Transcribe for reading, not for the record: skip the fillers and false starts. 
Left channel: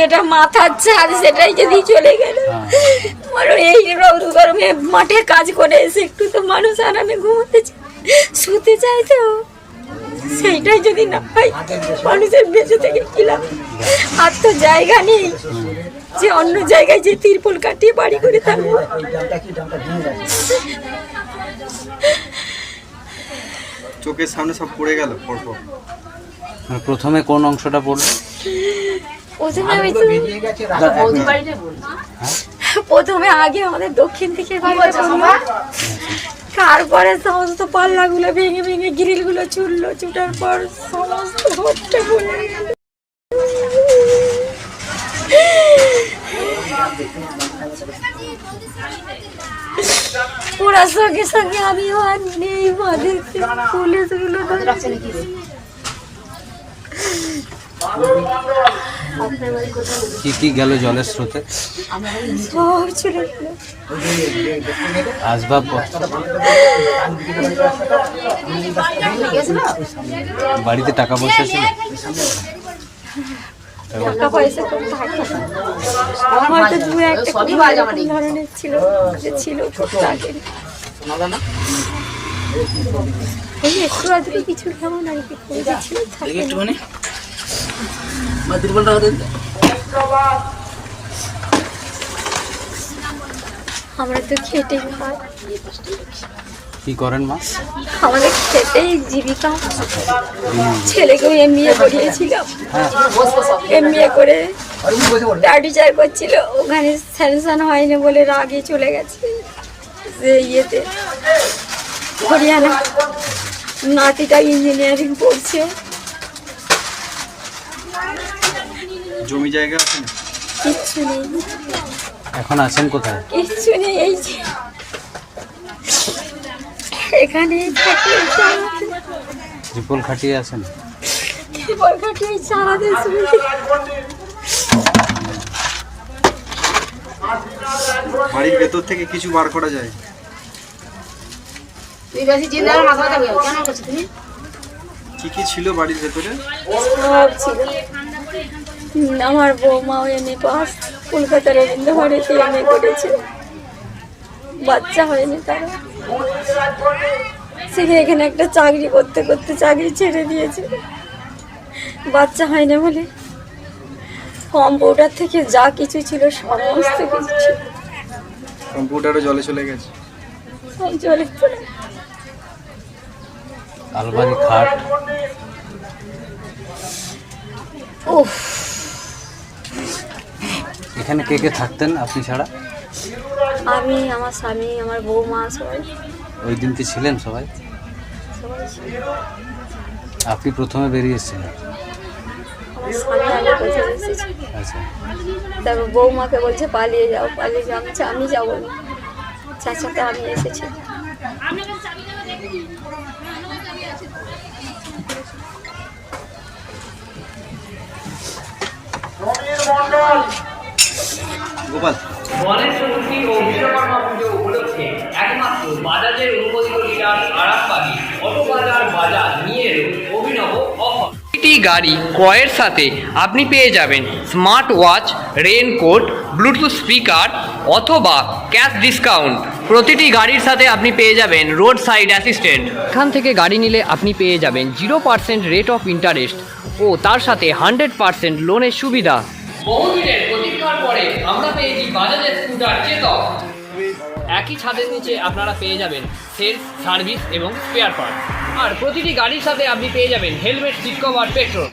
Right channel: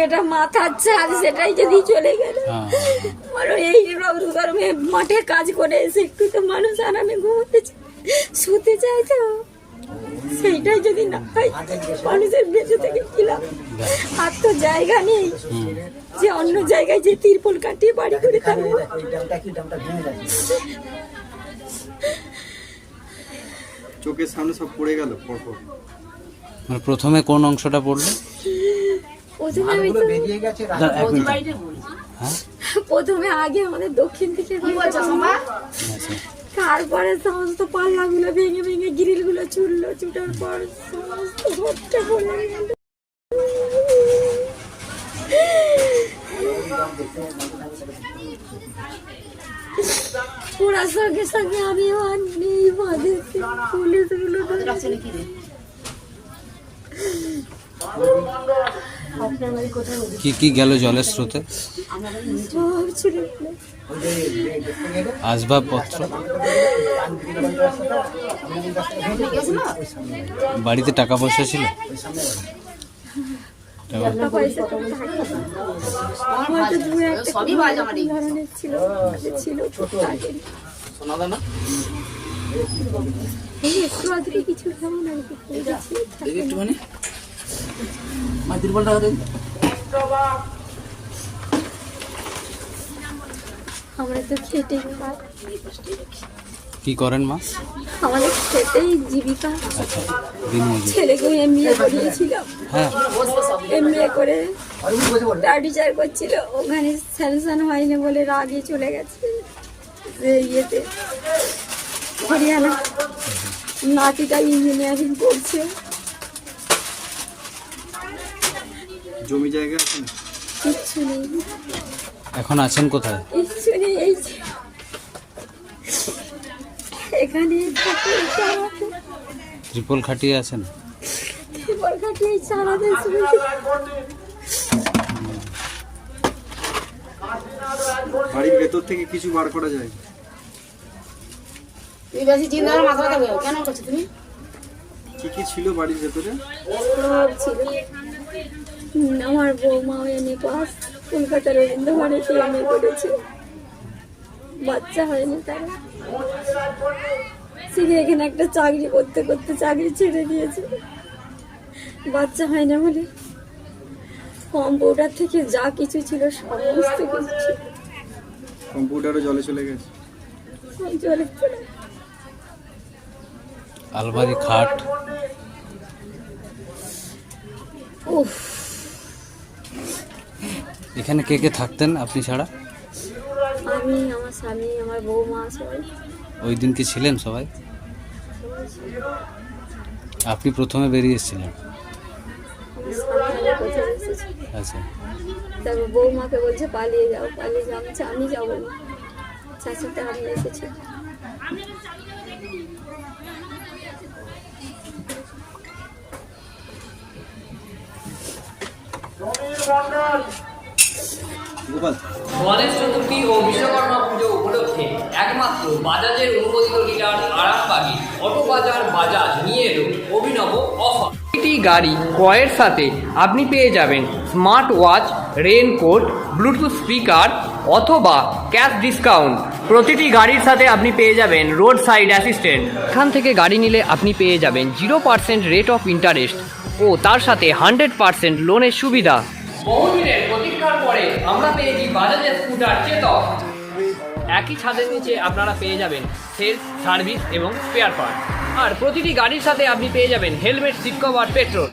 যেটা মাথার ছাদ সেটাই যদি চলে গেল, মানুষ এই রৌদ্র গরমে মাঠে কাজ করে এসে একটু তো মানুষ আরামে ঘুমোতে শুতে চায়, তো সেইটাই যদি না হয় মানুষের বেঁচে থেকে কি লাভ? আর তো জায়গা নেই যে অন্য জায়গায় যে তিরপল কাটিয়ে বাড়ি করে থাকবো। চোখের সামনে সব পড়ে গেল পরপর। প্রথমে কোন অংশটা পড়লো? প্রথমে আগে আমাদের দক্ষিণ দিকে, তারপরে সমস্ত পাল্লাগুলো ভেঙে ভেঙে গ্রিলগুলো ছুটলো, ছুটার পর সমস্ত ঘরটা পড়ে গেল। ওরা সঙ্গে সঙ্গে আমি নেই পুলিশগুলো কি কি গেল জলের স্রোতে? সব চলে গেল। আসবাবপত্র, বাড়িতে টাকা পয়সা ছিল? টাকা পয়সা তো থাকে না। আমার তো দু একটা ধরনের ছিল, যে ছিল টুকটাকের। এই একটু আধটু কিছু কেমন আর কি করে ছিল, থাকে না। আমরা তো খেটেই খাই। কি করেন মা? আমাদের খেটেই জীবিকা। ছেলেকেও এমবিএ করিয়েছিলাম, এমবিএ করে টিচার করছিল, ওখানে স্যাংশন হয়নি বলে রাগে চলে গেছে যে ইয়েতে হরিয়ানা। নাতিটা ইঞ্জিনিয়ারিং পড়ছে। জমি জায়গা আছে না? কিচ্ছু নেই। এখন আছেন কোথায়? কিচ্ছু নেই, এই যে এখানে থাকি। ত্রিপল খাটিয়ে আছেন? ত্রিপল খাটিয়ে সারাদিন শুয়ে। বাড়ির ভেতর থেকে কিছু বার করা যায়? কি কি ছিল বাড়ির ভেতরে? সব ছিল। আমার বৌমাও এমএ পাস, কলকাতার রবীন্দ্র ভারতী এমএ করেছে, বাচ্চা হয়নি তারা। সেখানে এখানে একটা চাকরি করতে করতে চাকরি ছেড়ে দিয়েছে, বাচ্চা হয়নি বলে। কম্পিউটার থেকে যা কিছু ছিল সমস্ত কিছু ছিল, কম্পিউটারও জলে চলে গেছে। সব জলে পড়ে। আলমারি, খাট? উফ, এখানে কে কে থাকতেন আপনি ছাড়া? আমি, আমার স্বামী, আমার বৌমা, সবাই। ওই দিন কি ছিলেন সবাই? সবাই ছিল। আপনি প্রথমে বেরিয়ে এসেছিলেন? আমার স্বামী আগে পৌঁছে এসেছে, আচ্ছা। তারপর বৌমাকে বলছে পালিয়ে যাও, পালিয়ে যাও। আমি যাবো না, চাচাটা আমি এসেছি। গোপাল, গণেশ চতুর্থী ও বিশ্বকর্মা পুজো উপলক্ষে একমাত্র বাজাজের অনুমোদিত ডিলার আরামবাগী অটো বাজার বাজাজ নিয়ে এলো অভিনব অফার। প্রতিটি গাড়ি ক্রয়ের সাথে আপনি পেয়ে যাবেন smart watch, raincoat, Bluetooth speaker অথবা ক্যাশ ডিসকাউন্ট। প্রতিটি গাড়ির সাথে আপনি পেয়ে যাবেন রোড সাইড অ্যাসিস্ট্যান্ট। এখান থেকে গাড়ি নিলে আপনি পেয়ে যাবেন 0% রেট অফ ইন্টারেস্ট ও তার সাথে 100% লোনের সুবিধা। বহুদিনের প্রতীক্ষার পরে আমরা পেয়েছি বাজাজের স্কুটার চেতক। একই ছাদের নিচে আপনারা পেয়ে যাবেন সেলস, সার্ভিস এবং স্পেয়ার পার্ট। আর প্রতিটি গাড়ির সাথে আপনি পেয়ে যাবেন হেলমেট, সিট কভার, পেট্রোল।